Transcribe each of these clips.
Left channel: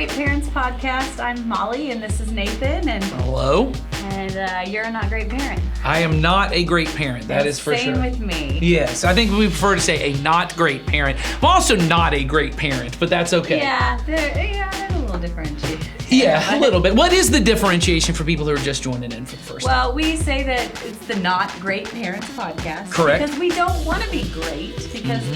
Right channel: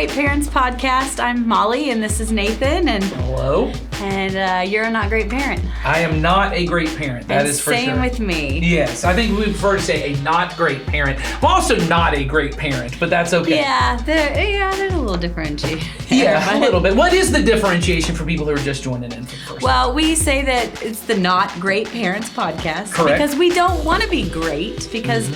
Great Parents podcast. I'm Molly, and this is Nathan. And hello. And you're a not great parent. I am not a great parent. That is for sure. Same with me. Yes, I think we prefer to say a not great parent. I'm also not a great parent, but that's okay. Yeah, there's a little differentiation. Yeah, a little bit. What is the differentiation for people who are just joining in for the first time? Well, we say that it's the Not Great Parents podcast. Correct. Because we don't want to be great. Because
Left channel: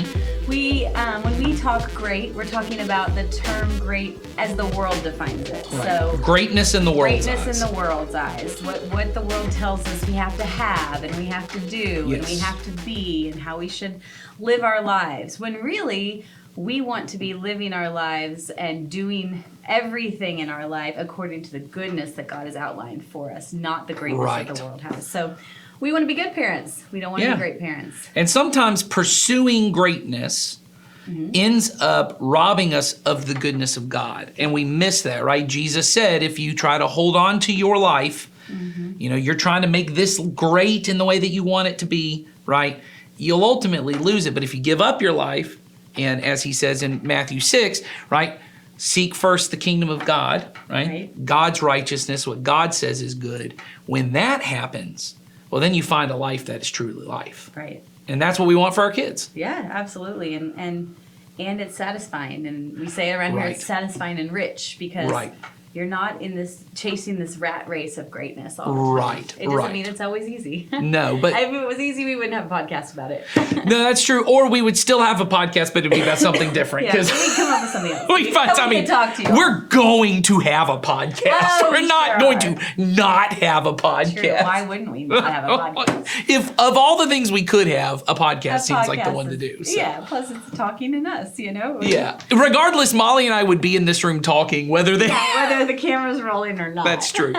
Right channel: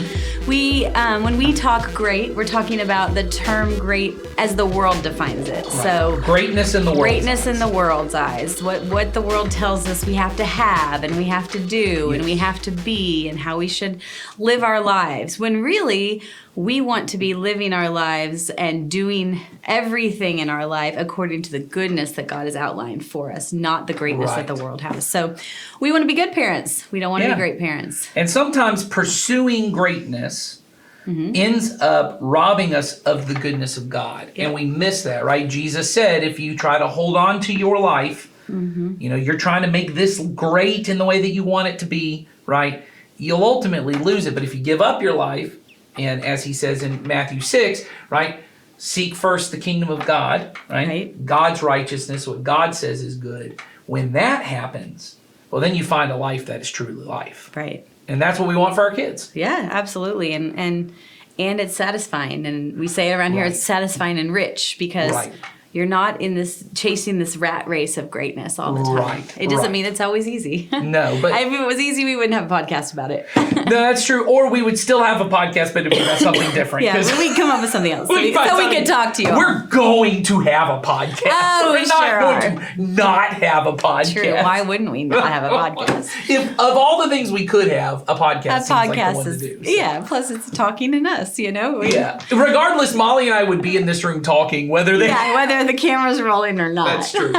when we talk great, we're talking about the term great as the world defines it. Right. So greatness in the world's eyes. in the world's eyes. What the world tells us we have to have and we have to do and we have to be and how we should live our lives. When really we want to be living our lives and doing everything in our life according to the goodness that God has outlined for us, not the greatness that the world has. So we want to be good parents. We don't want to be great parents. And sometimes pursuing greatness ends up robbing us of the goodness of God. Yeah. And we miss that, right? Jesus said, if you try to hold on to your life, you're trying to make this great in the way that you want it to be, right? You'll ultimately lose it. But if you give up your life, and as he says in Matthew 6, right, seek first the kingdom of God, right? God's righteousness, what God says is good. When that happens, well, then you find a life that is truly life. Right. And that's what we want for our kids. Yeah, absolutely. And it's satisfying. And we say around here it's satisfying and rich because you're not in this chasing this rat race of greatness all the time. Right. It doesn't mean it's always easy. No, but if it was easy, we wouldn't have a podcast about it. No, that's true. Or we would still have a podcast, but it'd be about something different. Yeah, we'd come up with something else. We could talk to you. We're going to have a podcast. Oh, we're not going to not have a podcast. True. Why wouldn't we not have a podcast? If of all the things we could have, a podcast seems like the one to do. So. Yeah, plus it's talking and us, Yeah. Regardless, Molly and I would be in this room talking, whether the camera's rolling or not. That's true.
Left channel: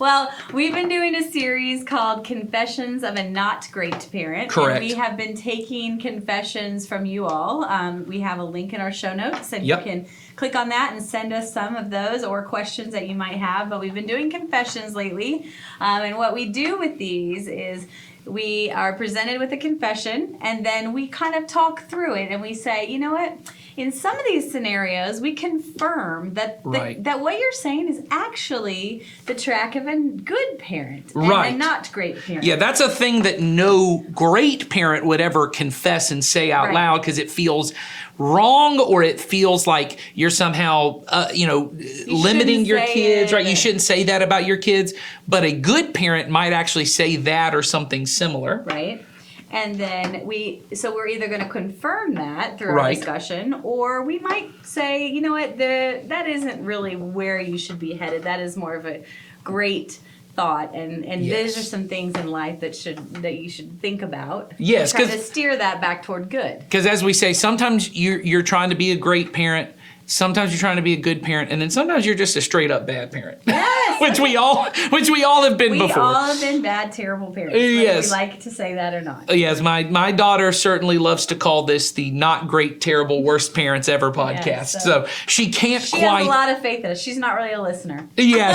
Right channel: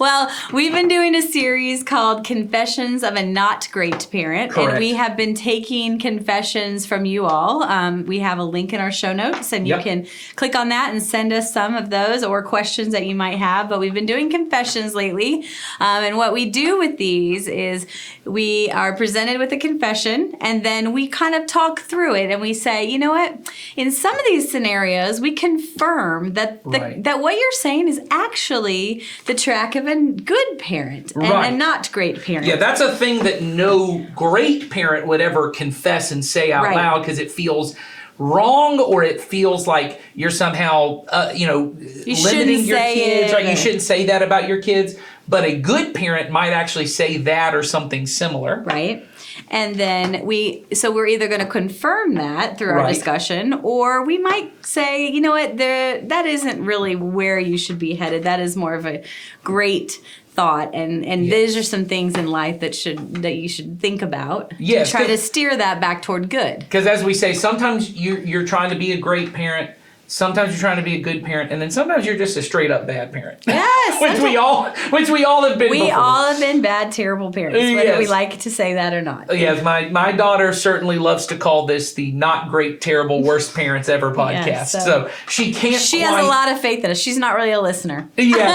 Well, we've been doing a series called Confessions of a Not Great Parent. Correct. And we have been taking confessions from you all. We have a link in our show notes, and you can click on that and send us some of those or questions that you might have. But we've been doing confessions lately. And what we do with these is we are presented with a confession, and then we kind of talk through it, and we say, you know what? In some of these scenarios, we confirm that that what you're saying is actually the track of a good parent and a not great parent. Yeah, that's a thing that no great parent would ever confess and say out loud because it feels wrong, or it feels like you're somehow, limiting your kids, right? You shouldn't say that about your kids. But a good parent might actually say that or something similar. Right. And then we're either going to confirm that through our discussion, or we might say, you know what, that isn't really where you should be headed. That is more of a great thought, and these are some things in life that you should think about. Yes, try to steer that back toward good. Because as we say, sometimes you're trying to be a great parent. Sometimes you're trying to be a good parent, and then sometimes you're just a straight up bad parent. Yes, which we all have been before. We all have been bad, terrible parents, whether we like to say that or not. Yes, my daughter certainly loves to call this the Not Great, Terrible, Worst Parents Ever podcast. Yes, so she can't. She has a lot of faith in us. She's not really a listener. Yeah,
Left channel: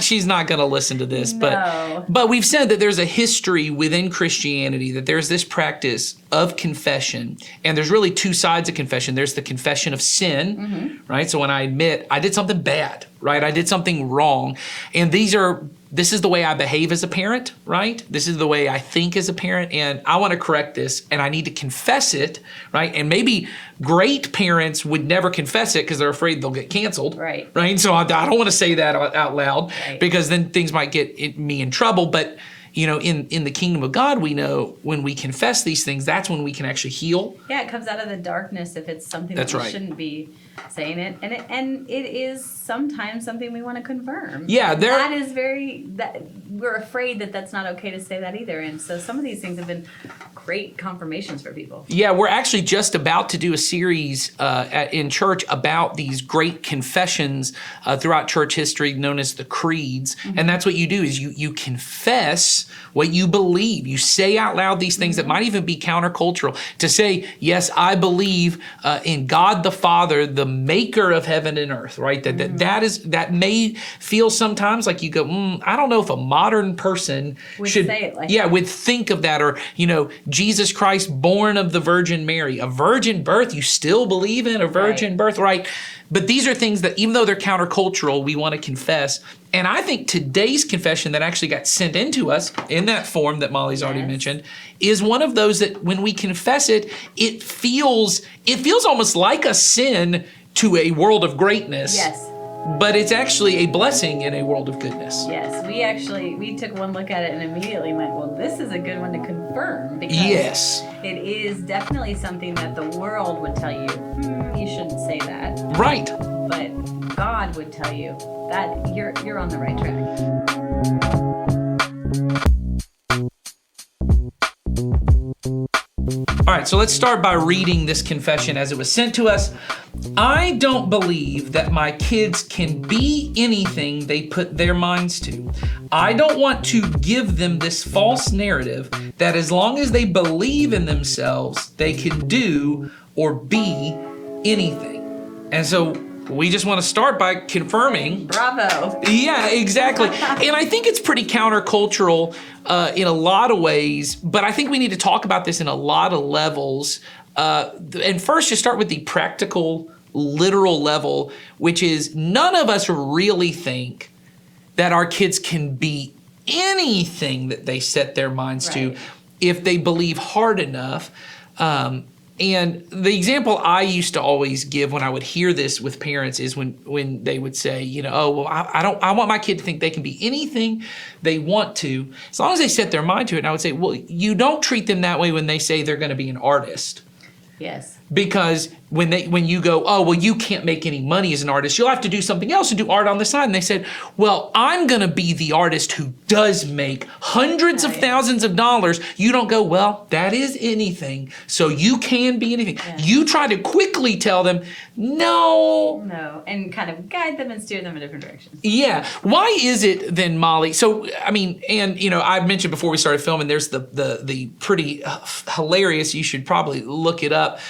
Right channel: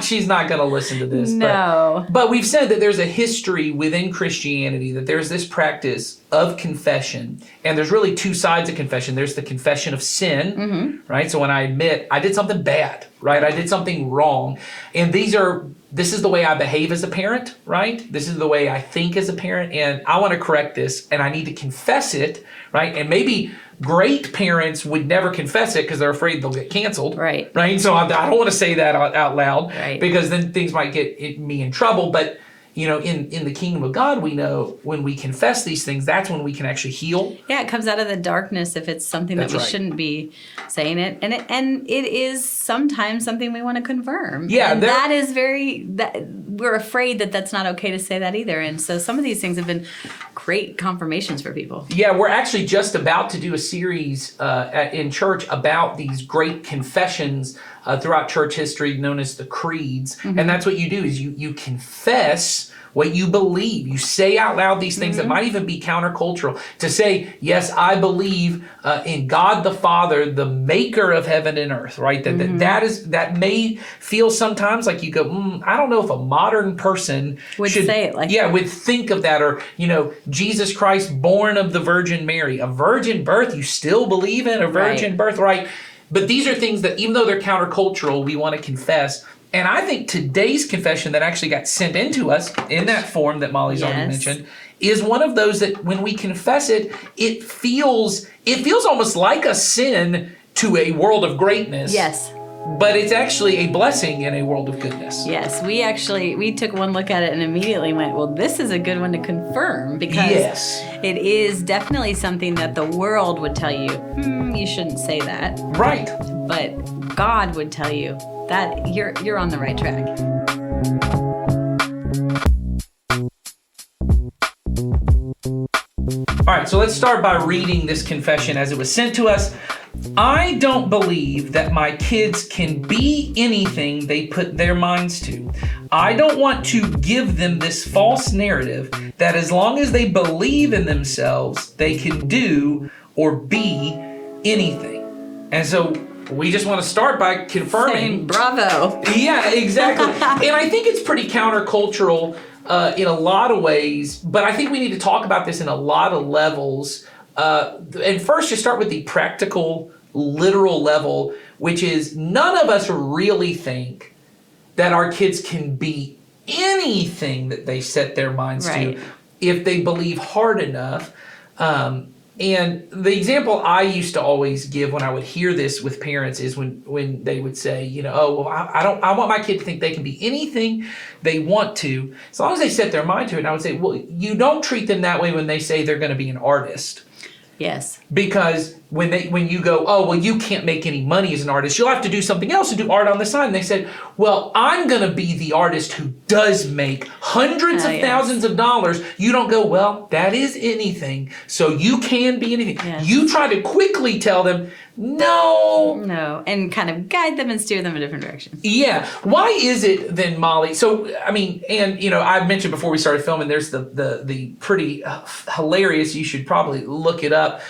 she's not going to listen to this. No. But we've said that there's a history within Christianity that there's this practice of confession, and there's really two sides of confession. There's the confession of sin, right? So when I admit I did something bad, right? I did something wrong, and this is the way I behave as a parent, right? This is the way I think as a parent, and I want to correct this, and I need to confess it, right? And maybe great parents would never confess it because they're afraid they'll get canceled, right? So I don't want to say that out loud because then things might get me in trouble, but in the kingdom of God, we know when we confess these things, that's when we can actually heal. Yeah, it comes out of the darkness if it's something that we shouldn't be saying it. And it is sometimes something we want to confirm. Yeah. And that is we're afraid that that's not okay to say that either. And so some of these things have been great confirmations for people. Yeah, we're actually just about to do a series in church about these great confessions throughout church history known as the creeds. And that's what you do is you confess what you believe. You say out loud these things that might even be countercultural. To say, yes, I believe in God the Father, the maker of heaven and earth, right? That may feel sometimes like you go, I don't know if a modern person would say it like that. Would think of that. Or, Jesus Christ born of the Virgin Mary. A virgin birth, you still believe in a virgin birth, right? But these are things that, even though they're countercultural, we want to confess. And I think today's confession that actually got sent into us in that form that Molly's already mentioned is one of those that when we confess it, it feels almost like a sin to a world of greatness. Yes. But it's actually a blessing in a world of goodness. Yes, we took one look at it and immediately went, well, this is a good one to confirm, because it is definitely something that the world would tell you, you shouldn't say that. Right. But God would tell you that you're on the right track. All right, so let's start by reading this confession as it was sent to us. I don't believe that my kids can be anything they put their minds to. I don't want to give them this false narrative that as long as they believe in themselves, they can do or be anything. And so we just want to start by confirming. Bravo. Yeah, exactly. And I think it's pretty countercultural in a lot of ways, but I think we need to talk about this in a lot of levels. And first, just start with the practical, literal level, which is none of us really think that our kids can be anything that they set their minds to if they believe hard enough. And the example I used to always give when I would hear this with parents is when they would say, I want my kid to think they can be anything they want to, as long as they set their mind to it. And I would say, well, you don't treat them that way when they say they're going to be an artist. Yes. Because when you go, oh, well, you can't make any money as an artist, you'll have to do something else and do art on the side. And they said, well, I'm going to be the artist who does make hundreds of thousands of dollars. You don't go, well, that is anything. So you can be anything. Yes. You try to quickly tell them, no, and kind of guide them and steer them in different directions. Yeah. Why is it then, Molly? So, I mean, and, I mentioned before we started filming, there's the pretty hilarious, you should probably look it up,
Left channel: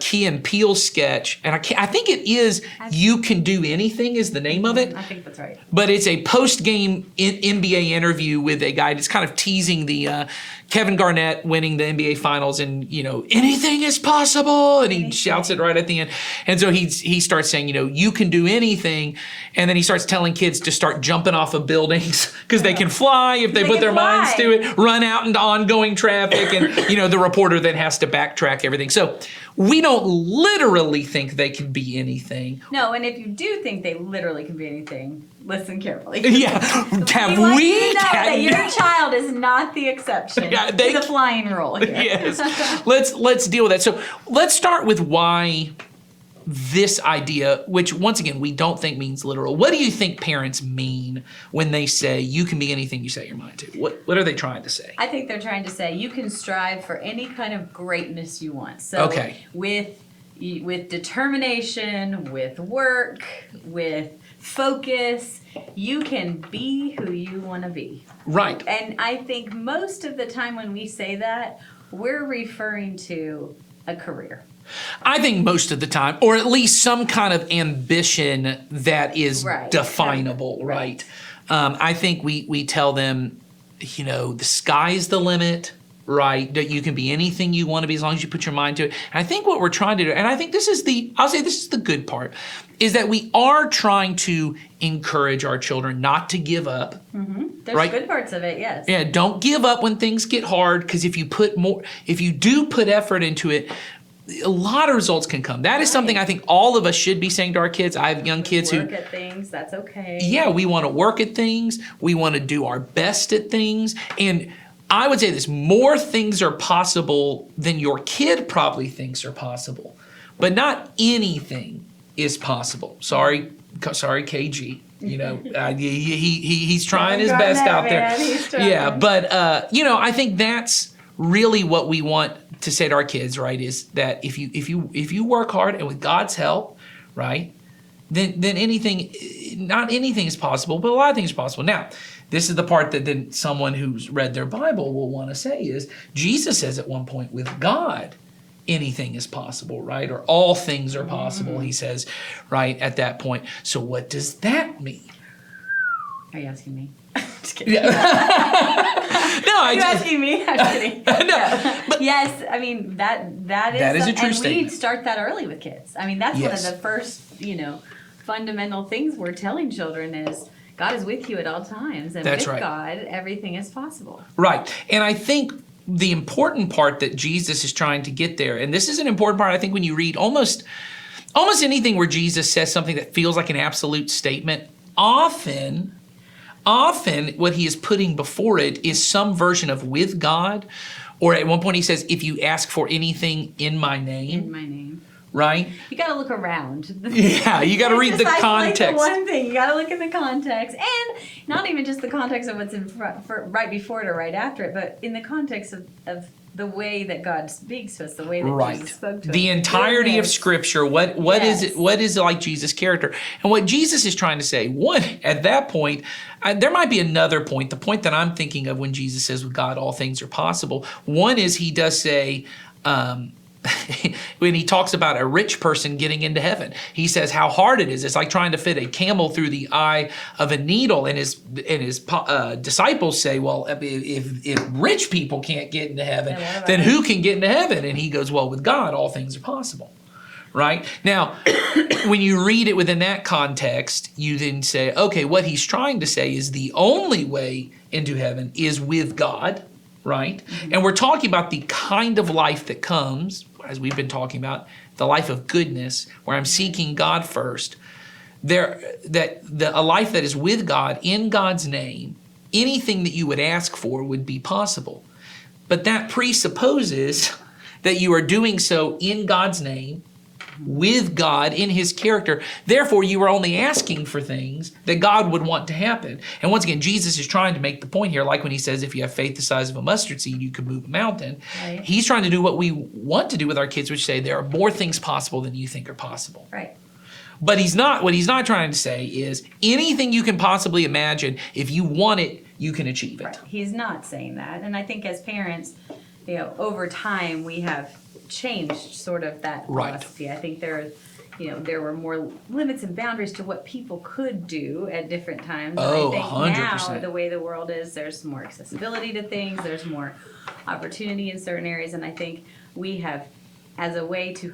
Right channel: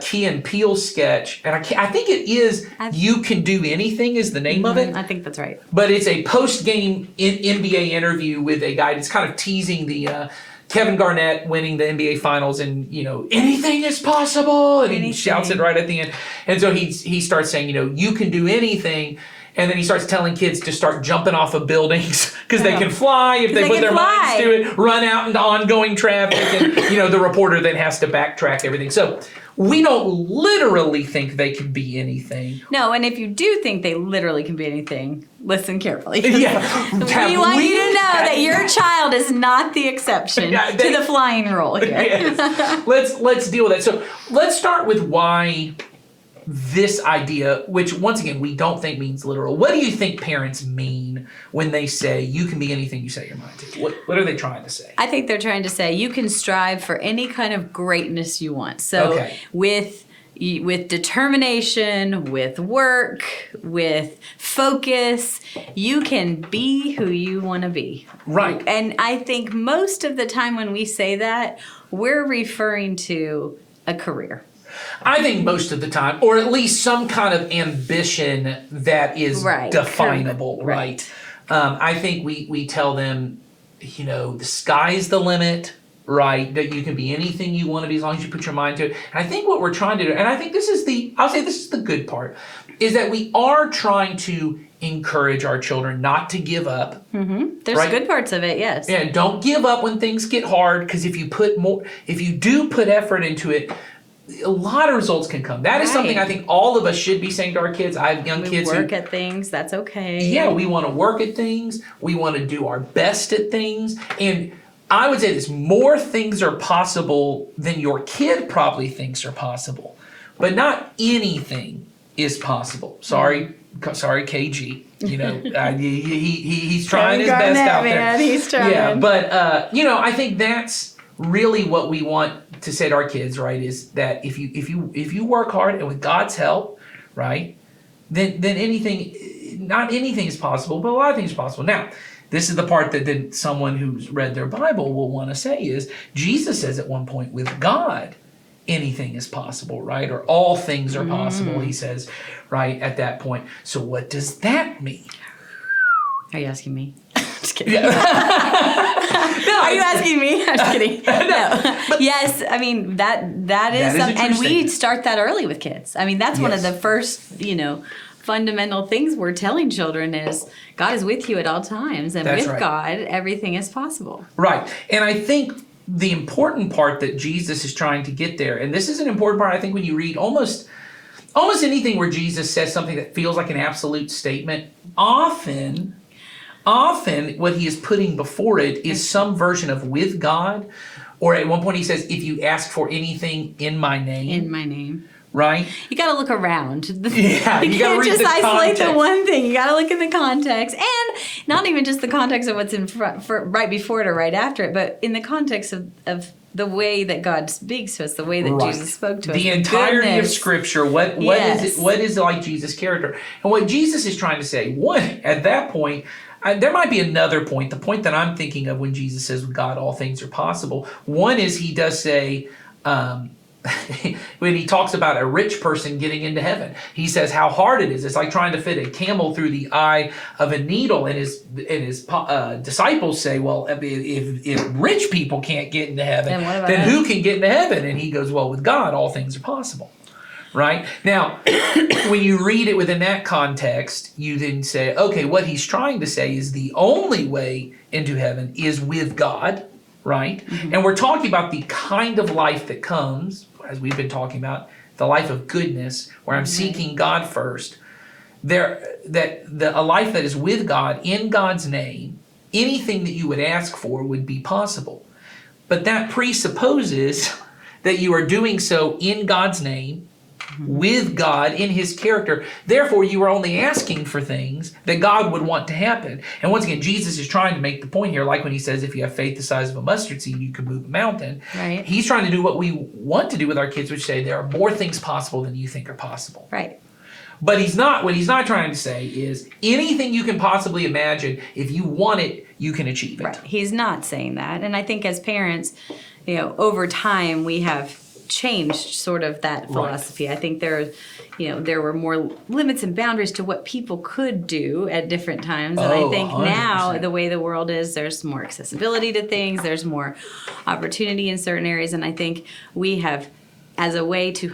Key and Peele sketch. And I think it is You Can Do Anything is the name of it. I think that's right. But it's a post-game NBA interview with a guy that's kind of teasing the Kevin Garnett winning the NBA Finals, and anything is possible, and he shouts it right at the end. And so he starts saying, you can do anything, and then he starts telling kids to start jumping off of buildings because they can fly if they put their minds to it, run out into ongoing traffic, and the reporter then has to backtrack everything. So we don't literally think they can be anything. No, and if you do think they literally can be anything, listen carefully. Yeah. We want you to know that your child is not the exception to the flying rule here. Yes. Let's deal with that. So let's start with why this idea, which once again we don't think means literal. What do you think parents mean when they say you can be anything you set your mind to? What are they trying to say? I think they're trying to say you can strive for any kind of greatness you want. So with determination, with work, with focus, you can be who you want to be. Right. And I think most of the time when we say that, we're referring to a career. I think most of the time, or at least some kind of ambition that is definable, right? I think we tell them, the sky's the limit, right? That you can be anything you want to be as long as you put your mind to it. And I think what we're trying to do, and I think this is the good part, is that we are trying to encourage our children not to give up. Mm-hmm. There's good parts of it, yes. Yeah, don't give up when things get hard, because if you do put effort into it, a lot of results can come. That is something I think all of us should be saying to our kids. I have young kids who work at things. That's okay. Yeah, we want to work at things. We want to do our best at things. And I would say this, more things are possible than your kid probably thinks are possible. But not anything is possible. Sorry, KG. He's trying his best out there. He's trying. Yeah, but I think that's really what we want to say to our kids, right? Is that if you work hard and with God's help, right, then not anything is possible, but a lot of things are possible. Now, this is the part that then someone who's read their Bible will want to say is Jesus says at one point, with God, anything is possible, right? Or all things are possible, he says, right, at that point. So what does that mean? Are you asking me? Just kidding. Yeah. Are you asking me? I'm kidding. No. Yes, I mean that is That is a something, true and we statement. start that early with kids. I mean, that's one of Yes. the first, fundamental things we're telling children is God is with you at all times, and That's with right. God, everything is possible. Right. And I think the important part that Jesus is trying to get there, and this is an important part, I think, when you read almost anything where Jesus says something that feels like an absolute statement, often what he is putting before it is some version of with God, or at one point he says, if you ask for anything in my name. In my name. Right? You got to look around. Yeah, you got to read just the isolate context. the one thing. You got to look in the context, and not even just the context of what's in front, right before it or right after it, but in the context of the way that God speaks to us, the way that Right. Jesus spoke to us. The entirety of Goodness. Scripture. What is Yes. it? What is like Jesus' character? And what Jesus is trying to say. One, at that point, there might be another point. The point that I'm thinking of when Jesus says, "With God, all things are possible." One is he does say. When he talks about a rich person getting into heaven, he says how hard it is. It's like trying to fit a camel through the eye of a needle. And his disciples say, "Well, if rich people can't get into heaven, Then what about then us?" who can get into heaven?" And he goes, "Well, with God, all things are possible." Right? Now, when you read it within that context, you then say, okay, what he's trying to say is the only way into heaven is with God. Right? Mm-hmm. And we're talking about the kind of life that comes, as we've been talking about, the life of goodness, where I'm seeking God first. A life that is with God, in God's name, anything that you would ask for would be possible. But that presupposes that you are doing so in God's name, with God in his character. Therefore, you are only asking for things that God would want to happen. And once again, Jesus is trying to make the point here, like when he says, if you have faith the size of a mustard seed, you could move a mountain. Right. He's trying to do what we want to do with our kids, which say there are more things possible than you think are possible. Right. But what he's not trying to say is anything you can possibly imagine, if you want it, you can achieve it. Right. He's not saying that. And I think as parents, over time we have changed sort of that philosophy. I think there were more limits and boundaries to what people could do at different times. And I think 100%. now, the way the world is, there's more accessibility to things, there's more opportunity in certain areas, and I think we have, as a way to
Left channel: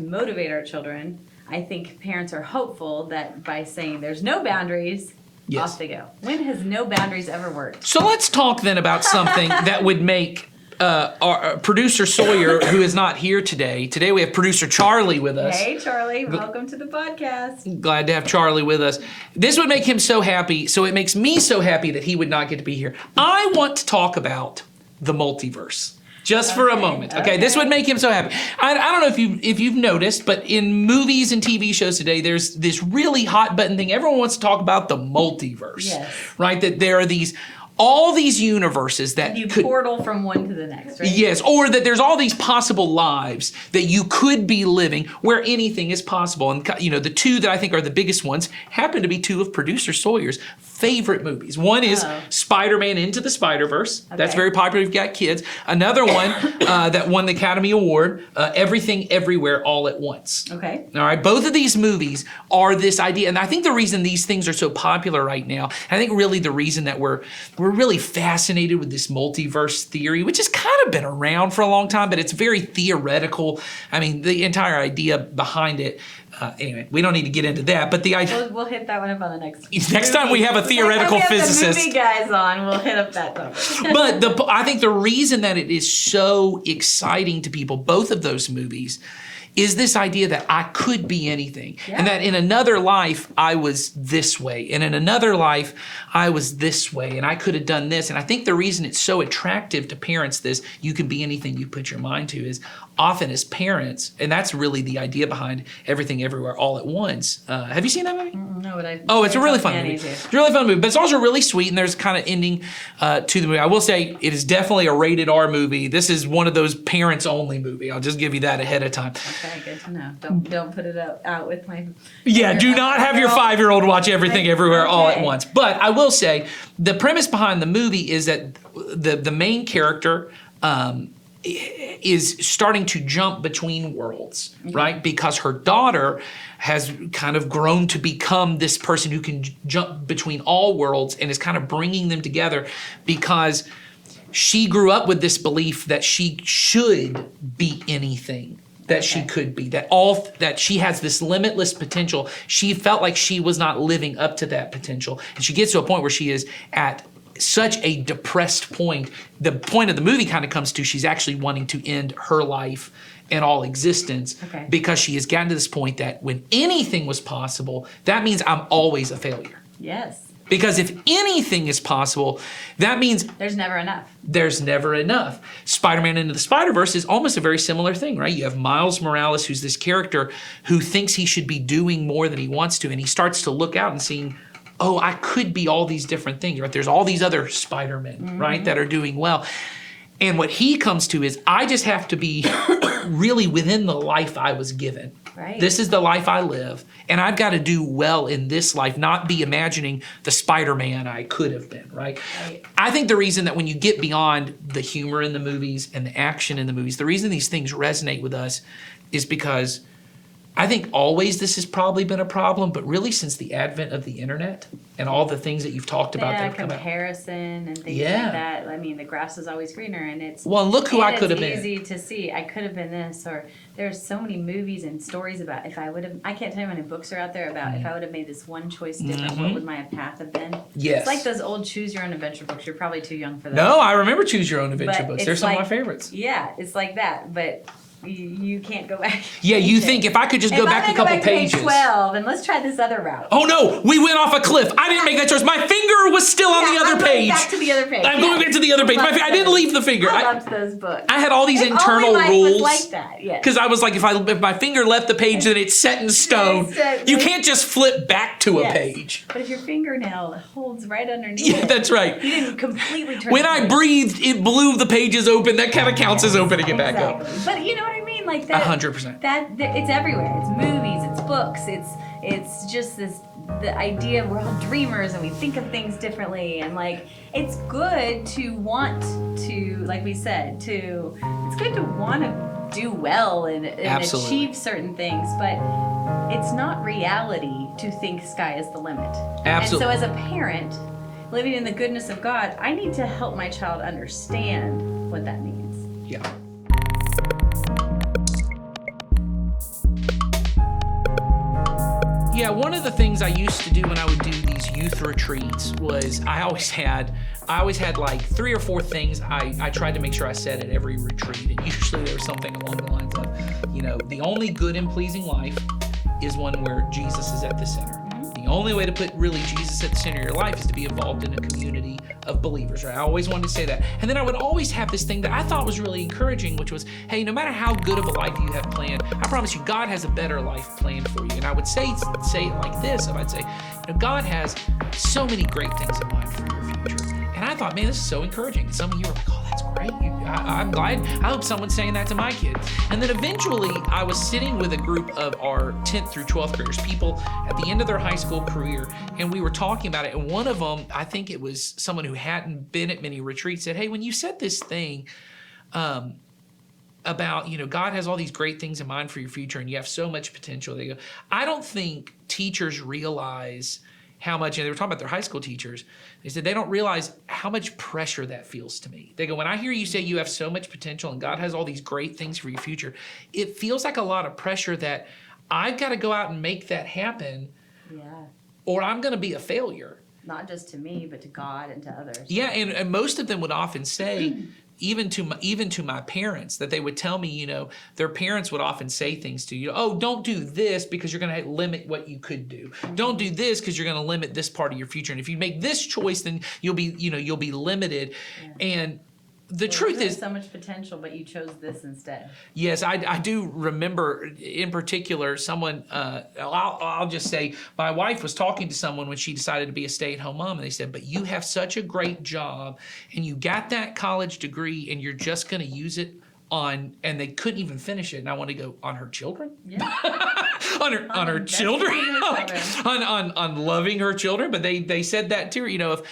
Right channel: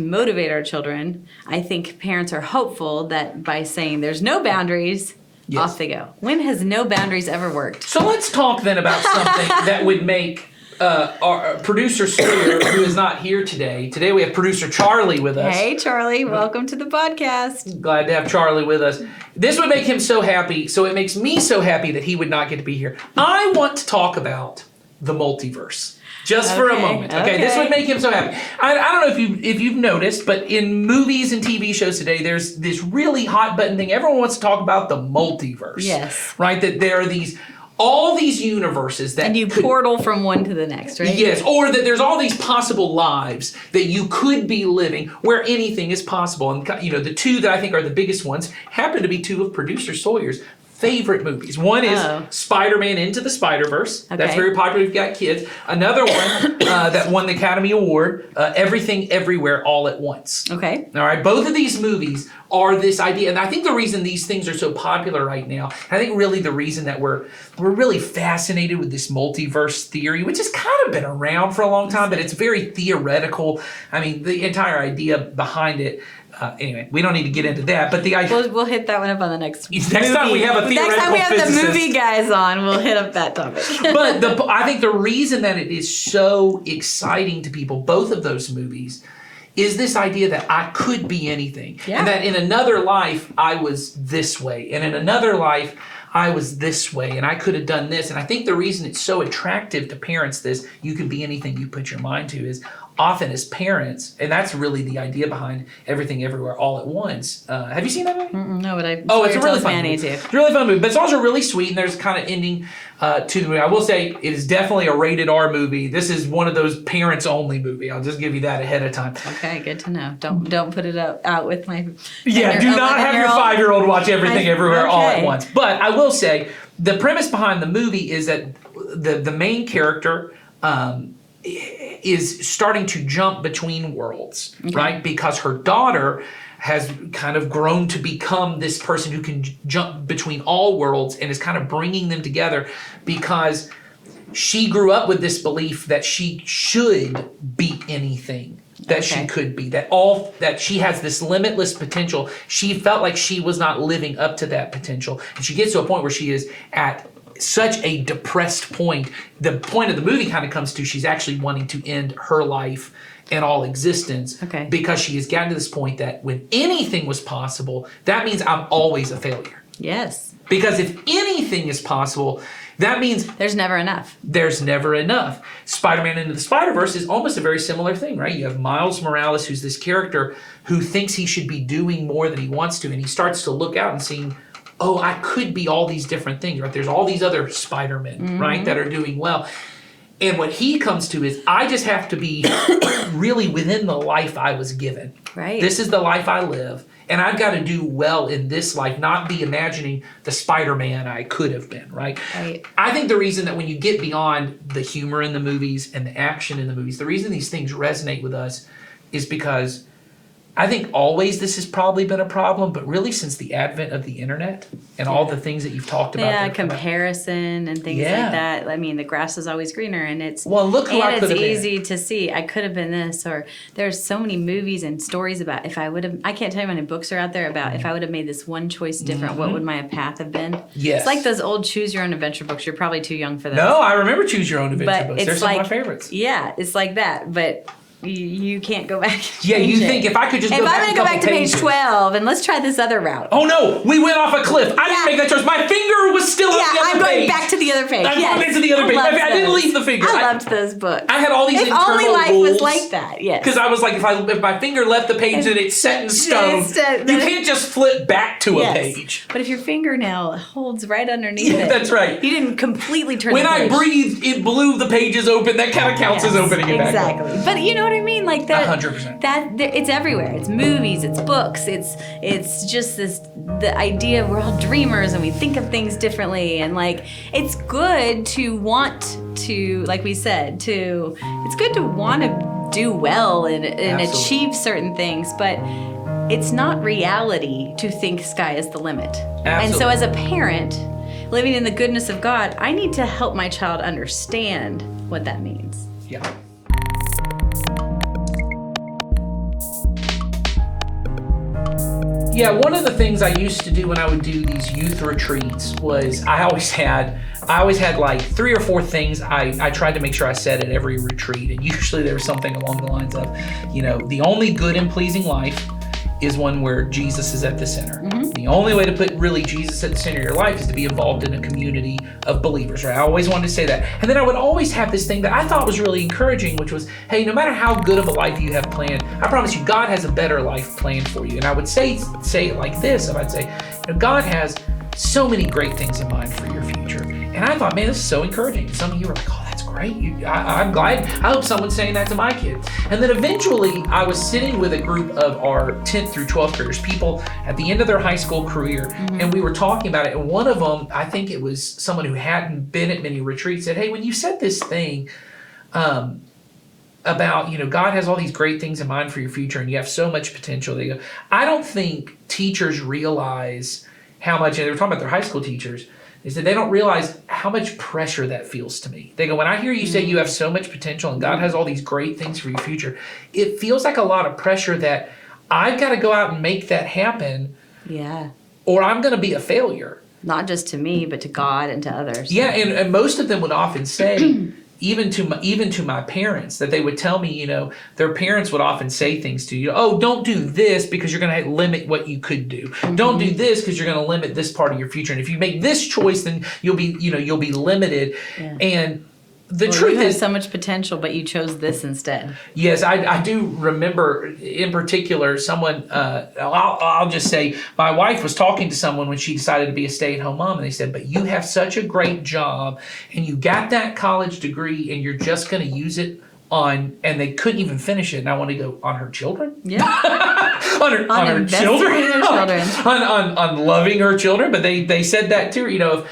motivate our children, I think parents are hopeful that by saying there's no boundaries, Yes. off they go. When has no boundaries ever worked? So let's talk then about something that would make our producer Sawyer, who is not here today. Today we have producer Charlie with us. Hey, Charlie, welcome to the podcast. Glad to have Charlie with us. This would make him so happy, so it makes me so happy that he would not get to be here. I want to talk about the multiverse. Just for a moment. Okay, this would make him so happy. I don't know if you've noticed, but in movies and TV shows today, there's this really hot button thing. Everyone wants to talk about the multiverse. Yes. Right? That there are all these universes that And you could, portal from one to the next, right? yes, or that there's all these possible lives that you could be living where anything is possible. And the two that I think are the biggest ones happen to be two of producer Sawyer's favorite movies. One is Spider-Man Into the Spider-Verse. Okay. That's very popular if you've got kids. Another one that won the Academy Award, Everything Everywhere All at Once. Okay. All right. Both of these movies are this idea. And I think the reason these things are so popular right now, and I think really the reason that we're really fascinated with this multiverse theory, which has kind of been around for a long time, but it's very theoretical. I mean, the entire idea behind it. Anyway, we don't need to get into that, but the idea. We'll hit that one up on the next. Next time we have a theoretical Next time we have physicist. the movie guys on, we'll hit up that topic. But I think the reason that it is so exciting to people, both of those movies, is this idea that I could be anything. Yeah. And that in another life, I was this way. And in another life, I was this way. And I could have done this. And I think the reason it's so attractive to parents, this you can be anything you put your mind to, is often as parents, and that's really the idea behind Everything Everywhere All at Once. Have you seen that movie? No, but It's a really fun movie. It's a really fun movie, but it's also really sweet, and there's kind of ending to the movie. I will say it is definitely a rated R movie. This is one of those parents only movie. I'll just give you that ahead of time. Okay, good to know. Don't put it out with my. Yeah, do not have your 5-year-old watch Everything Everywhere All at Once. But I will say the premise behind the movie is that the main character is starting to jump between worlds, right? Because her daughter has kind of grown to become this person who can jump between all worlds and is kind of bringing them together because she grew up with this belief that she should be anything that she could be, that she has this limitless potential. She felt like she was not living up to that potential. And she gets to a point where she is at such a depressed point. The point of the movie kind of comes to she's actually wanting to end her life and all existence because she has gotten to this point that when anything was possible, that means I'm always a failure. Yes. Because if anything is possible, that means there's never enough. There's never enough. Spider-Man Into the Spider-Verse is almost a very similar thing, right? You have Miles Morales, who's this character who thinks he should be doing more than he wants to, and he starts to look out and seeing, oh, I could be all these different things, right? There's all these other Spider-Men, right, that are doing well. And what he comes to is, I just have to be really within the life I was given. Right. This is the life I live. And I've got to do well in this life, not be imagining the Spider-Man I could have been, right? I think the reason that when you get beyond the humor in the movies and the action in the movies, the reason these things resonate with us is because I think always this has probably been a problem, but really since the advent of the internet and all the things that you've talked about. Yeah, comparison and things like that. I mean, the grass is always greener, and it's look who I could have been. It's easy to see. I could have been this, or there's so many movies and stories about if I would have. I can't tell you how many books are out there about if I would have made this one choice different, what would my path have been? Yes, it's like those old Choose Your Own Adventure books. You're probably too young for those. No, I remember Choose Your Own Adventure books. They're some of my favorites. Yeah, it's like that, but. You can't go back. Yeah, you think if I could just go back a couple pages. Page 12 and let's try this other route. Oh no, we went off a cliff. I didn't make that choice. My finger was still on the other page. Back to the other page. I'm going back to the other page. I didn't leave the finger. I loved those books. I had all these internal only life rules. Was like that, yes. Because I was like, if my finger left the page, then it's set in stone. You can't just flip back to a page. But if your fingernail holds right underneath it. That's right. You didn't completely turn when the page. I breathed, it blew the pages open. That kind of counts as opening it back up. Exactly. But you know what I mean? Like that. 100%. It's everywhere. It's movies, it's books, it's just the idea we're all dreamers and we think of things differently, and like it's good to want to, like we said, it's good to want to do well and achieve certain things, but it's not reality to think sky is the limit. Absolutely. And so as a parent living in the goodness of God, I need to help my child understand what that means. Yeah. Yeah, one of the things I used to do when I would do these youth retreats was I always had like 3 or 4 things I tried to make sure I said at every retreat. And usually there was something along the lines of, the only good and pleasing life is one where Jesus is at the center. Mm-hmm. The only way to put really Jesus at the center of your life is to be involved in a community of believers, right? I always wanted to say that. And then I would always have this thing that I thought was really encouraging, which was, hey, no matter how good of a life you have planned, I promise you God has a better life planned for you. And I would say it like this, and I'd say, God has so many great things in mind for your future. And I thought, man, this is so encouraging. Some of you are like, oh, that's great. I'm glad. I hope someone's saying that to my kids. And then eventually I was sitting with a group of our 10th through 12th graders, people at the end of their high school career, and we were talking about it. And one of them, I think it was someone who hadn't been at many retreats, said, hey, when you said this thing about, God has all these great things in mind for your future and you have so much potential, they go, I don't think teachers realize how much, and they were talking about their high school teachers, they said they don't realize how much pressure that feels to me. They go, when I hear you say you have so much potential and God has all these great things for your future, it feels like a lot of pressure that I've got to go out and make that happen. Yeah. Or I'm going to be a failure. Not just to me, but to God and to others. Yeah, and most of them would often say, even to my parents, that they would tell me, their parents would often say things to you, oh, don't do this because you're going to limit what you could do. Mm-hmm. Don't do this because you're going to limit this part of your future. And if you make this choice, then you'll be limited. Yeah. And the truth you have is so much potential, but you chose this instead. Yes, I do remember in particular someone, I'll just say my wife was talking to someone when she decided to be a stay-at-home mom, and they said, but you have such a great job and you got that college degree and you're just going to use it on, and they couldn't even finish it. And I want to go, on her children? Yeah. on her children? on loving her children. But they said that too,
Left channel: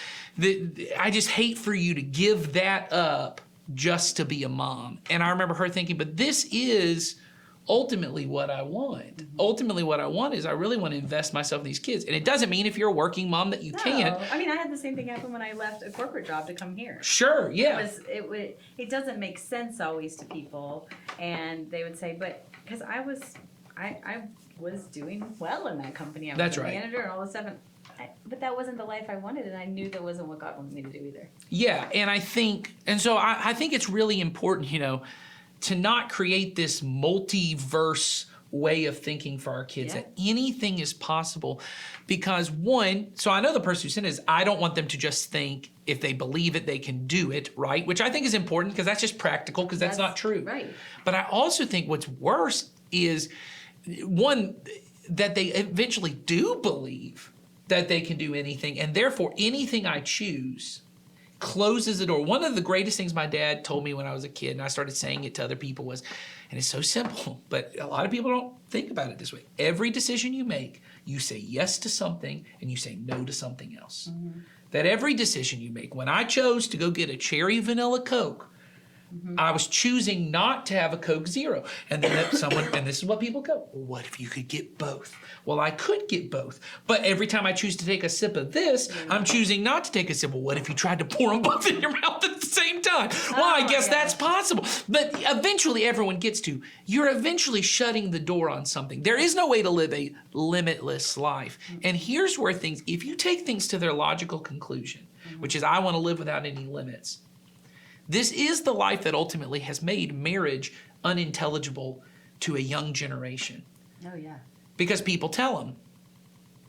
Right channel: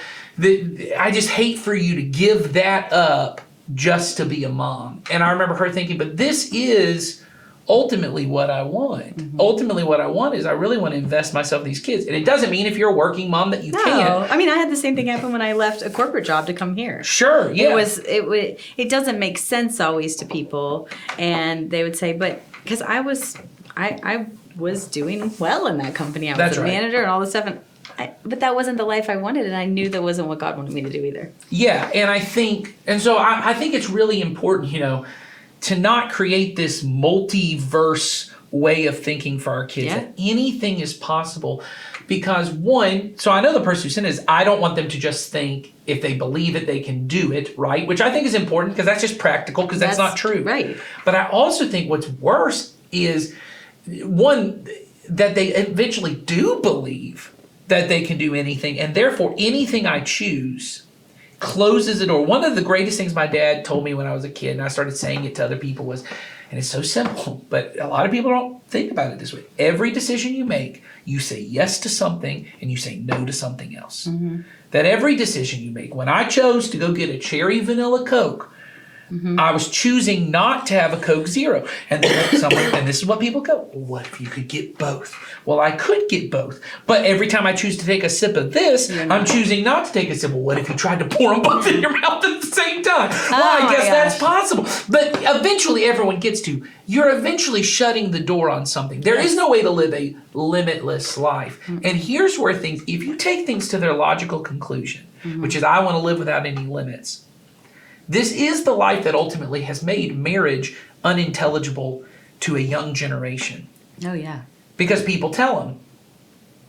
I just hate for you to give that up just to be a mom. And I remember her thinking, but this is ultimately what I want. Ultimately what I want is I really want to invest myself in these kids. And it doesn't mean if you're a working mom that you can't. I mean, I had the same thing happen when I left a corporate job to come here. Sure, yeah. It doesn't make sense always to people, and they would say, but because I was doing well in that company. I was a manager and all this stuff, but that wasn't the life I wanted, and I knew that wasn't what God wanted me to do either. Yeah, and I think it's really important, to not create this multiverse way of thinking for our kids, that anything is possible. Because so I know the person who sent is, I don't want them to just think if they believe it, they can do it, right? Which I think is important because that's just practical, because that's not true. Right. But I also think what's worse is, one, that they eventually do believe that they can do anything, and therefore anything I choose closes the door. One of the greatest things my dad told me when I was a kid, and I started saying it to other people, was, and it's so simple, but a lot of people don't think about it this way. Every decision you make, you say yes to something and you say no to something else. That every decision you make, when I chose to go get a cherry vanilla Coke, I was choosing not to have a Coke Zero. And then and this is what people go, well, what if you could get both? Well, I could get both. But every time I choose to take a sip of this, I'm choosing not to take a sip. Well, what if you tried to pour them both in your mouth at the same time? Well, I guess that's possible. But eventually everyone gets to, you're eventually shutting the door on something. There is no way to live a limitless life. And here's where if you take things to their logical conclusion, which is I want to live without any limits, this is the life that ultimately has made marriage unintelligible to a young generation. Oh, yeah. Because people tell them,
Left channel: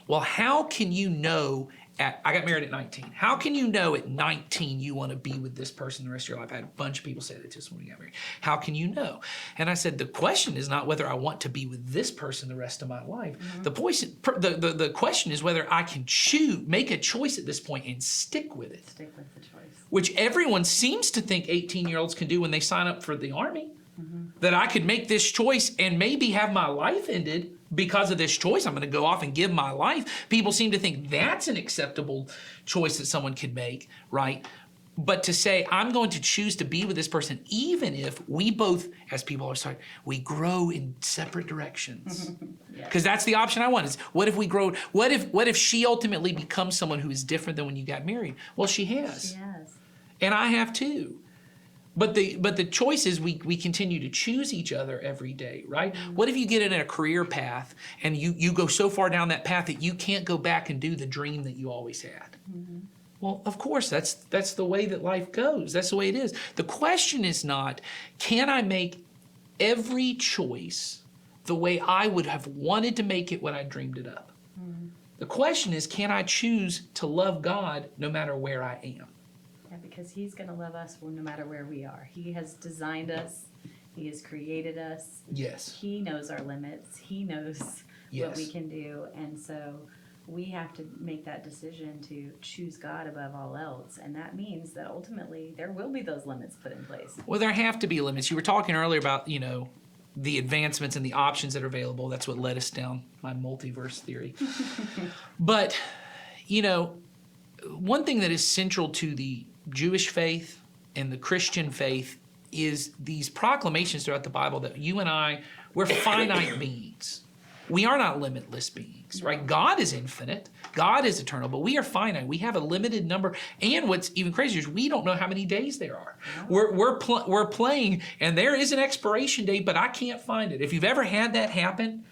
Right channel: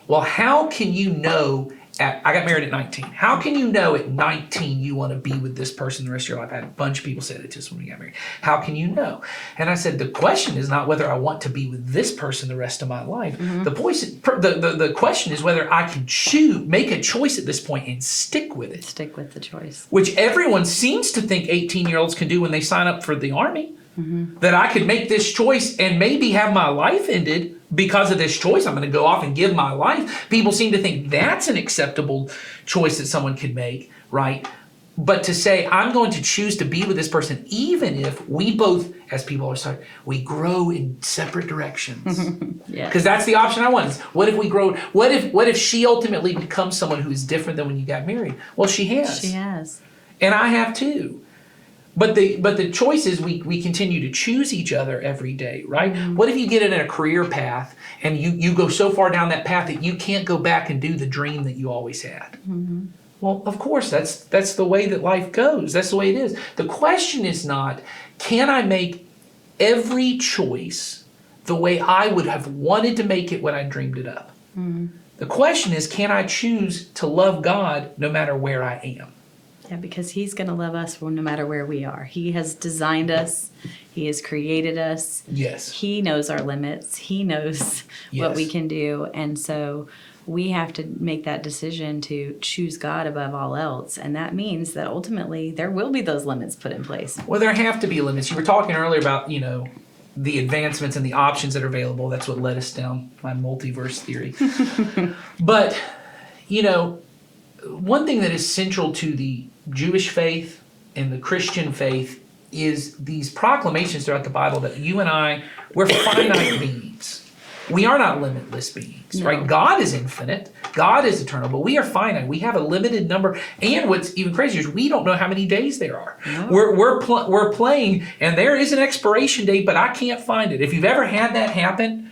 well, how can you know, I got married at 19. How can you know at 19 you want to be with this person the rest of your life? I had a bunch of people say that to us when we got married. How can you know? And I said, the question is not whether I want to be with this person the rest of my life. The question is whether I can make a choice at this point and stick with it. Stick with the choice. Which everyone seems to think 18-year-olds can do when they sign up for the Army. That I could make this choice and maybe have my life ended because of this choice. I'm going to go off and give my life. People seem to think that's an acceptable choice that someone could make, right? But to say, I'm going to choose to be with this person, even if we both, as people are saying, we grow in separate directions. Because that's the option I want. Is what if we grow? What if she ultimately becomes someone who is different than when you got married? Well, she has. She has. And I have too. But the choice is we continue to choose each other every day, right? What if you get in a career path and you go so far down that path that you can't go back and do the dream that you always had? Well, of course, that's the way that life goes. That's the way it is. The question is not, can I make every choice the way I would have wanted to make it when I dreamed it up? The question is, can I choose to love God no matter where I am? Yeah, because he's going to love us no matter where we are. He has designed us. He has created us. Yes. He knows our limits. He knows what we can do. And so we have to make that decision to choose God above all else. And that means that ultimately there will be those limits put in place. Well, there have to be limits. You were talking earlier about, the advancements and the options that are available. That's what led us down my multiverse theory. But, one thing that is central to the Jewish faith and the Christian faith is these proclamations throughout the Bible that you and we're finite beings. We are not limitless beings, right? God is infinite. God is eternal, but we are finite. We have a limited number. And what's even crazier is we don't know how many days there are. No. We're playing, and there is an expiration date, but I can't find it. If you've ever had that happen,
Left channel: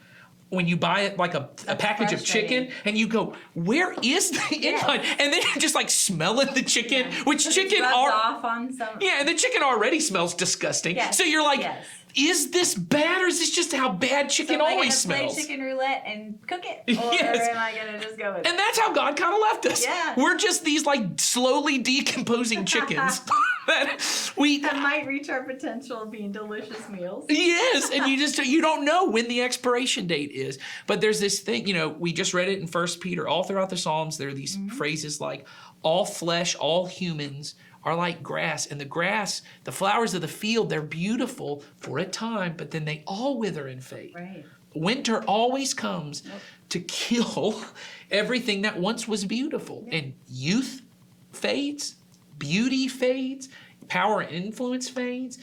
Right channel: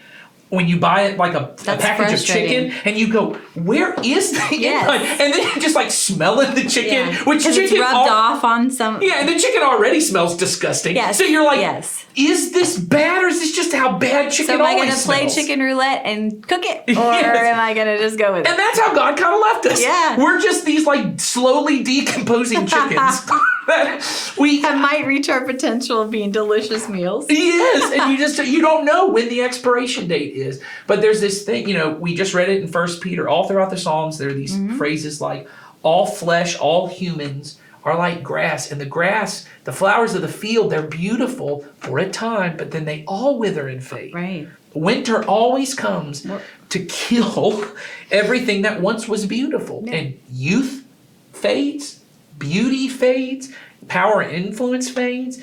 when you buy it like a package of chicken and you go, where is the inside? And then you just smelling the chicken, which chicken it's rubbed off on some. Yeah, and the chicken already smells disgusting. Yes. So you're like, is this bad or is this just how bad chicken always smells? So am I going to play chicken roulette and cook it? Or am I going to just go with it? And that's how God kind of left us. Yeah. We're just these slowly decomposing chickens. That might reach our potential of being delicious meals. Yes, and you don't know when the expiration date is. But there's this thing, we just read it in 1 Peter. All throughout the Psalms, there are these phrases like, all flesh, all humans are like grass. And the grass, the flowers of the field, they're beautiful for a time, but then they all wither and fade. Right. Winter always comes to kill everything that once was beautiful. Yeah. And youth fades. Beauty fades, power and influence fades.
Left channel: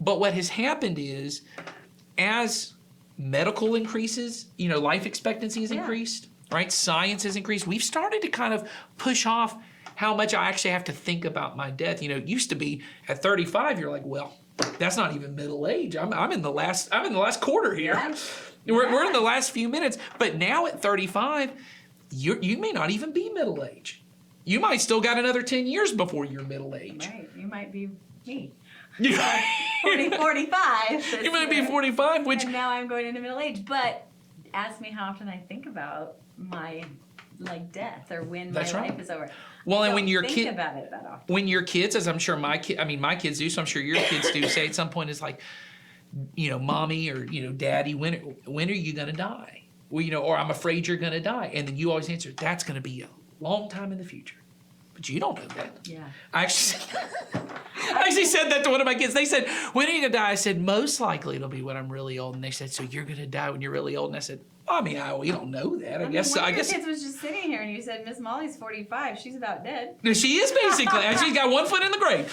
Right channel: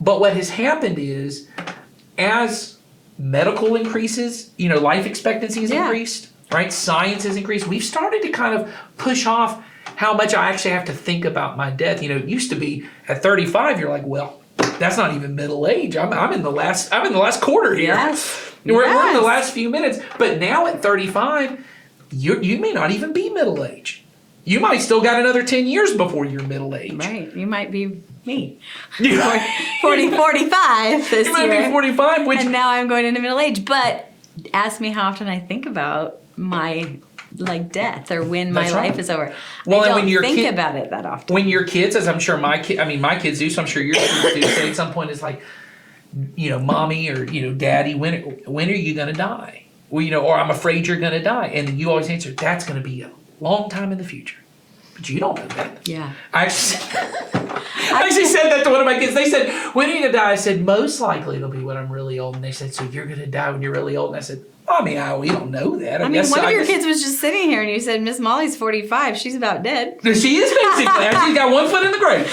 But what has happened is, as medical increases, life expectancy has increased, right? Science has increased. We've started to kind of push off how much I actually have to think about my death. It used to be at 35, you're like, well, that's not even middle age. I'm in the last quarter here. Yes. We're in the last few minutes. But now at 35, you may not even be middle age. You might still got another 10 years before you're middle age. Right. You might be me. 45 this year. You might be 45, and now I'm going into middle age. But ask me how often I think about my death or when my life is over. Well, I and don't when your think about it that often. When your kids, as I'm sure my kids do, so I'm sure your kids do, say at some point it's like, mommy or daddy, when are you gonna die? Well, or I'm afraid you're gonna die, and then you always answer, that's gonna be a long time in the future. But you don't know that. Yeah. I actually said that to one of my kids. They said, when are you gonna die? I said, most likely it'll be when I'm really old. And they said, so you're gonna die when you're really old? And I said, we don't know that. One of your kids was just sitting here and you said, Miss Molly's 45. She's about dead. She is basically. She's got one foot in the grave.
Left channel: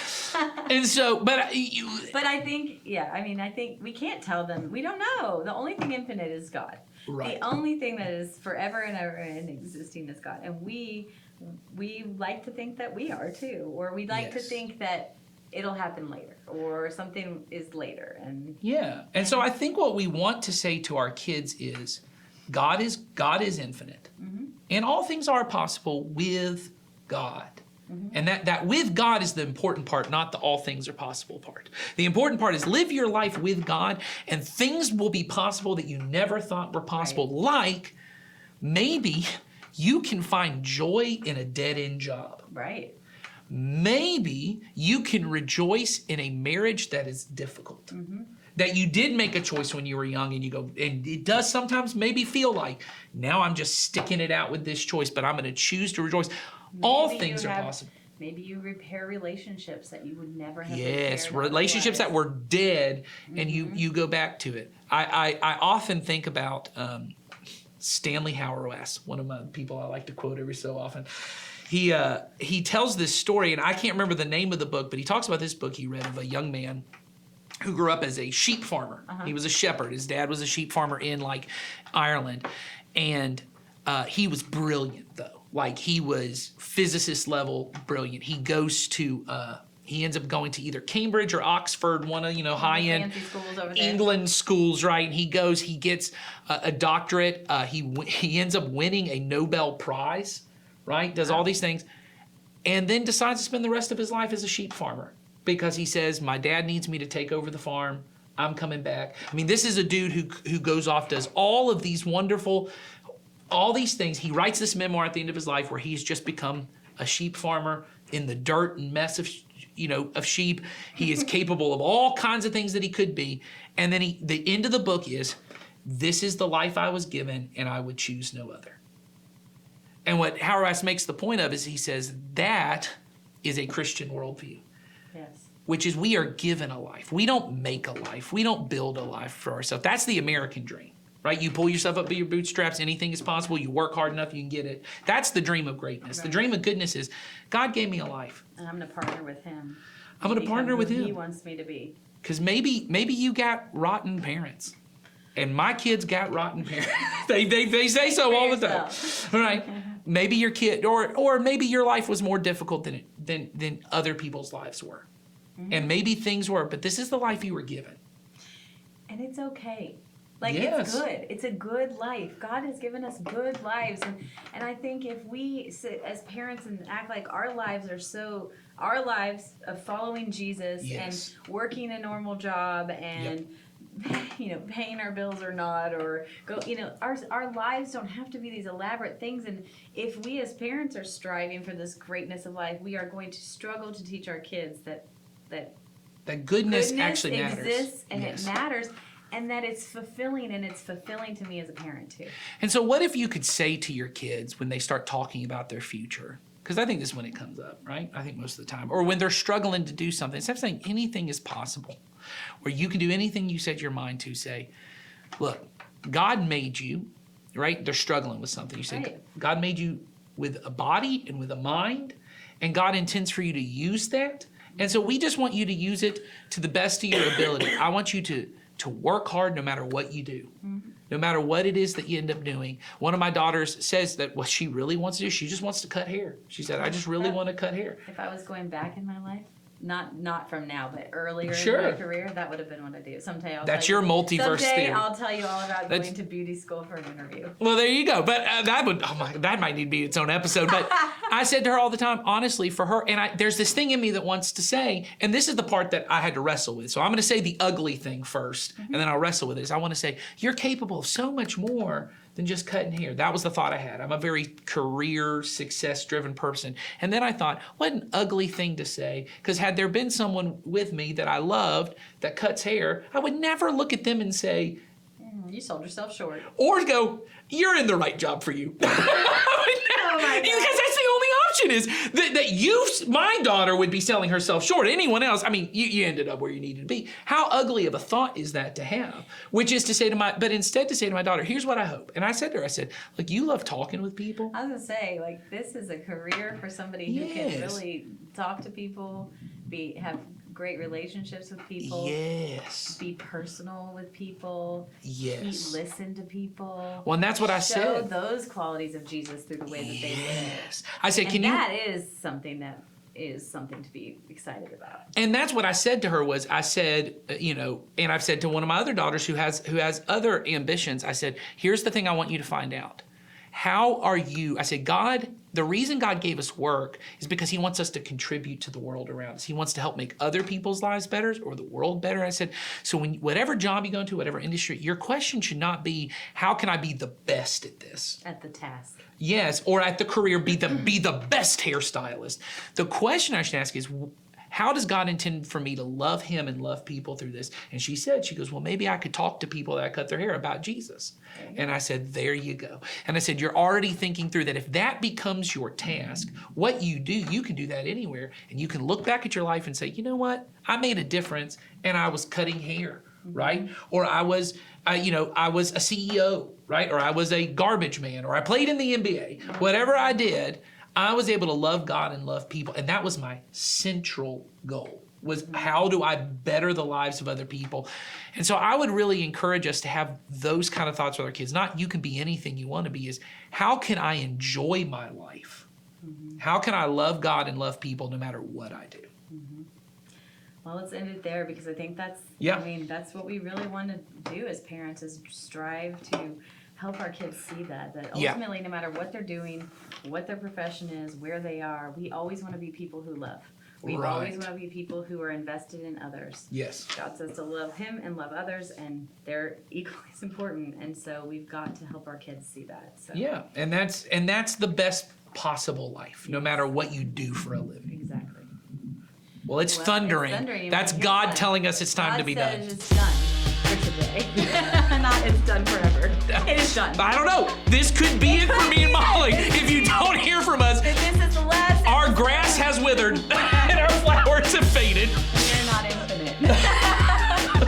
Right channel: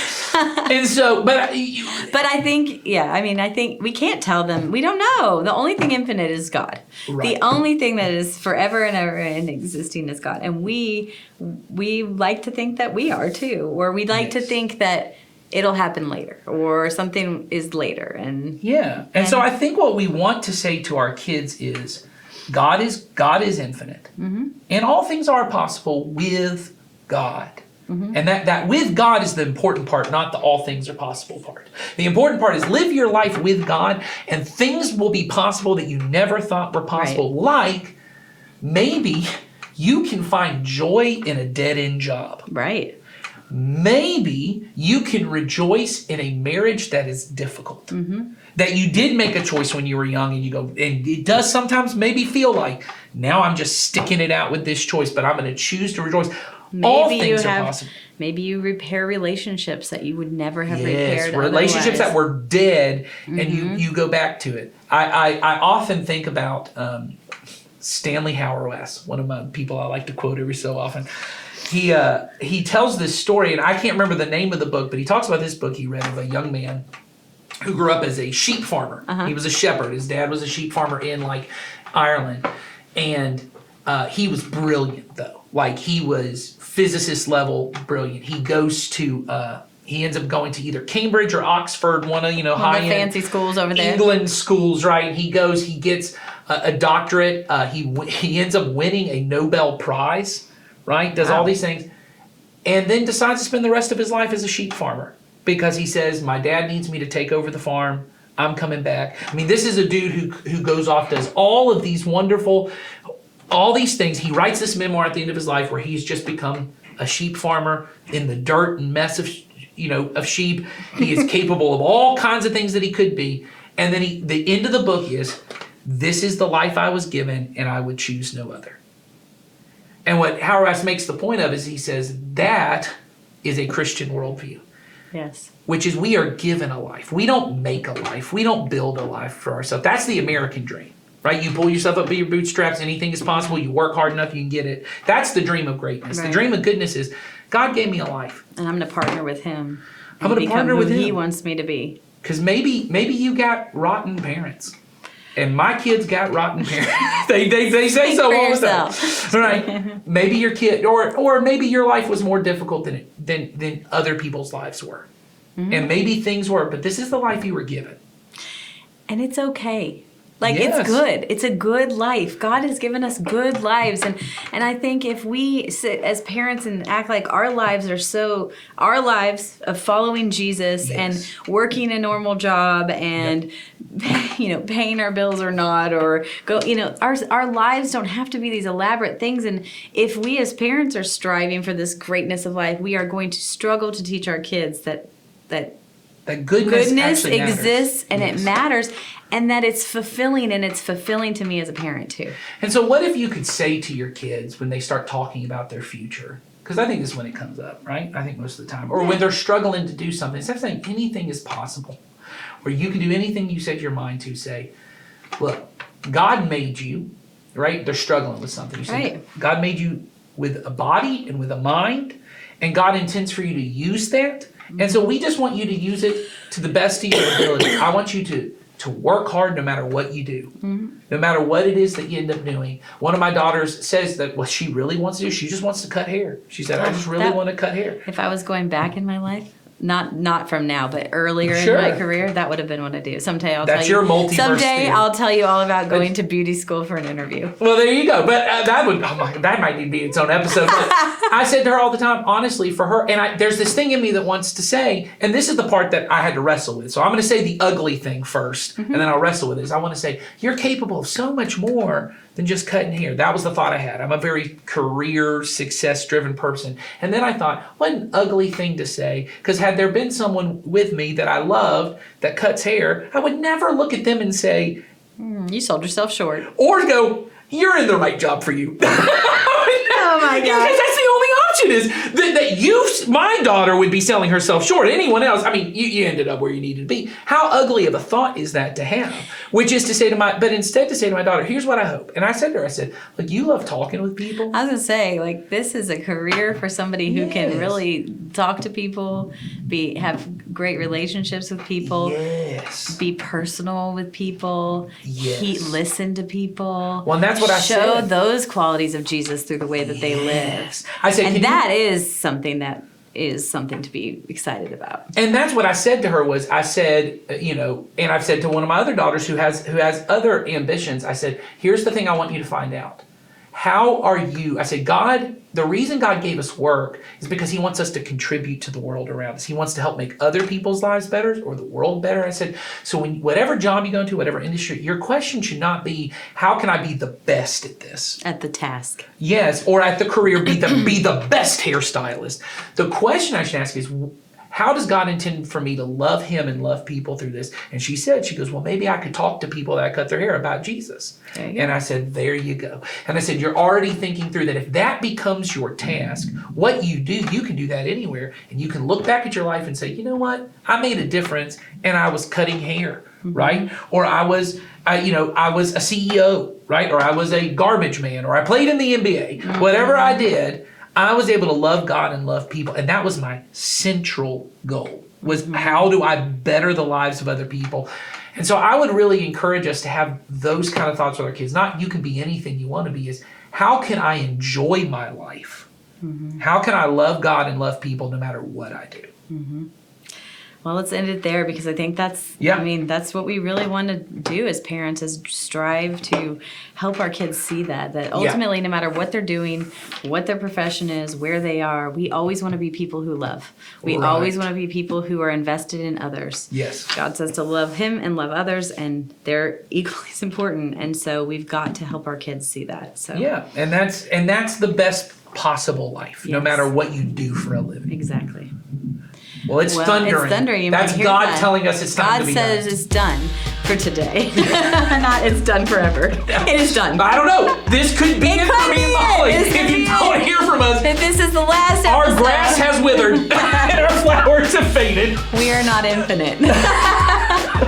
And so, but I think, I think we can't tell them. We don't know. The only thing infinite is God. Right. The only thing that is forever and ever and existing is God. And we like to think that we are too. Or we like to think that it'll happen later or something is later. And so I think what we want to say to our kids is, God is infinite, and all things are possible with God. And that with God is the important part, not the all things are possible part. The important part is live your life with God, and things will be possible that you never thought were possible. Right. Like maybe you can find joy in a dead-end job. Right. Maybe you can rejoice in a marriage that is difficult. That you did make a choice when you were young, and you go, and it does sometimes maybe feel like, now I'm just sticking it out with this choice, but I'm going to choose to rejoice. All things are possible. Maybe you repair relationships that you would never have repaired. Relationships that were dead, and you go back to it. I often think about Stanley Hauerwas, one of my people I like to quote every so often. He tells this story, and I can't remember the name of the book, but he talks about this book he read of a young man who grew up as a sheep farmer. He was a shepherd. His dad was a sheep farmer in Ireland. And he was brilliant though. He was physicist level brilliant. He ends up going to either Cambridge or Oxford, one of high-end fancy schools over there. England schools, right? He gets a doctorate. He ends up winning a Nobel Prize, right? Does all these things. And then decides to spend the rest of his life as a sheep farmer. Because he says, my dad needs me to take over the farm. I'm coming back. This is a dude who goes off, does all of these all these things. He writes this memoir at the end of his life where he's just become a sheep farmer in the dirt and mess of sheep. He is capable of all kinds of things that he could be. And then the end of the book is, this is the life I was given, and I would choose no other. And what Hauerwas makes the point of is he says, that is a Christian worldview. Yes. Which is, we are given a life. We don't make a life. We don't build a life for ourselves. That's the American dream, right? You pull yourself up by your bootstraps. Anything is possible. You work hard enough, you can get it. That's the dream of greatness. Right. The dream of goodness is, God gave me a life. And I'm going to partner with him. I'm going to partner with him. He wants me to be. Because maybe you got rotten parents. And my kids got rotten parents. they say so all the time. Right? Maybe your kid, or maybe your life was more difficult than other people's lives were. And maybe things were, but this is the life you were given. And it's okay. It's good. It's a good life. God has given us good lives. And I think if we sit as parents and act like our lives of following Jesus and working a normal job and, paying our bills or not, or our lives don't have to be these elaborate things. And if we as parents are striving for this greatness of life, we are going to struggle to teach our kids that goodness exists and it matters. And that it's fulfilling, and it's fulfilling to me as a parent too. And so what if you could say to your kids when they start talking about their future, because I think this is when it comes up, right? I think most of the time. Or when they're struggling to do something, instead of saying anything is possible, or you can do anything you set your mind to, say, look, God made you, right? They're struggling with something. You say, God made you with a body and with a mind, and God intends for you to use that And so we just want you to use it to the best of your ability. I want you to work hard no matter what you do, no matter what it is that you end up doing. One of my daughters says that what she really wants to do, she just wants to cut hair. She said, I just really want to cut hair. If I was going back in my life, not from now, but earlier Sure. in my career, that would have been what I do. Someday I'll That's tell you. your multiverse Someday theory. I'll tell you all about going to beauty school for an interview. Well, there you go. But that might need to be its own episode. But I said to her all the time, honestly, for her, and there's this thing in me that wants to say, and this is the part that I had to wrestle with. So I'm going to say the ugly thing first, and then I'll wrestle with this. I want to say, you're capable of so much more than just cutting hair. That was the thought I had. I'm a very career, success-driven person. And then I thought, what an ugly thing to say, because had there been someone with me that I loved that cuts hair, I would never look at them and say, You sold yourself short. or go, you're in the right job for you. Oh my Because God. that's the only option is that my daughter would be selling herself short. Anyone else, I mean, you ended up where you needed to be. How ugly of a thought is that to have? Which is to say but instead to say to my daughter, here's what I hope. And I said to her, I said, look, you love talking with people. I was gonna say, like, this is a career for somebody who can Yes. really talk to people, have great relationships with people, Yes. be personal with people, Yes. listen to people. Well, and that's what I show said. those qualities of Jesus through the way that they live. Yes. I said, And that is something to be excited about. And that's what I said to her was, I said, and I've said to one of my other daughters who has other ambitions, I said, here's the thing I want you to find out. How are you? I said, the reason God gave us work is because he wants us to contribute to the world around us. He wants to help make other people's lives better or the world better. I said, so whatever job you go into, whatever industry, your question should not be, how can I be the best at this? At the task. Yes, or at the career, be the best hairstylist. The question I should ask is, how does God intend for me to love him and love people through this? And she goes, well, maybe I could talk to people that cut their hair about Jesus. And I said, there you go. And I said, you're already thinking through that. If that becomes your task, what you do, you can do that anywhere. And you can look back at your life and say, you know what? I made a difference and I was cutting hair, right? Or I was a CEO, right? Or I was a garbage man, or I played in the NBA. Whatever I did, I was able to love God and love people. And that was my central goal, was how do I better the lives of other people? And so I would really encourage us to have those kind of thoughts with our kids. Not you can be anything you want to be, is how can I enjoy my life? How can I love God and love people no matter what I do? Well, let's end it there, because I think that's what we really want to do as parents, is strive to help our kids see that ultimately, no matter what they're doing, what their profession is, where they are, we always want to be people who love. We always want to be people who are invested in others. Yes. God says to love him and love others, and they're equally as important. And so we've got to help our kids see that. So yeah, and that's the best possible life, no matter what you do for a living. Exactly. Well, it's thundering. It's thundering. You That's might hear God that. telling us it's time to be done. God says it's done for today. Not it's done forever. It is done. I don't know. This could be it for me and Molly. If you don't hear from us, If this is the last our episode, grass has withered and our flowers have faded. we are not infinite.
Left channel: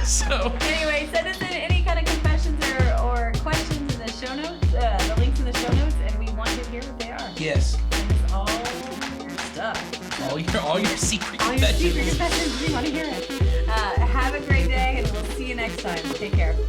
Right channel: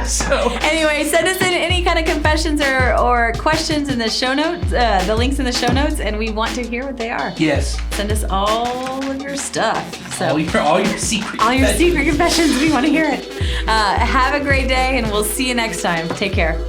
So Anyway, send us in any kind of confessions or questions in the show notes, the links in the show notes, and we want to hear what they are. yes, Send us all of your stuff. So all your secret. all your secret confessions, we want to hear it. Have a great day, and we'll see you next time. Take care.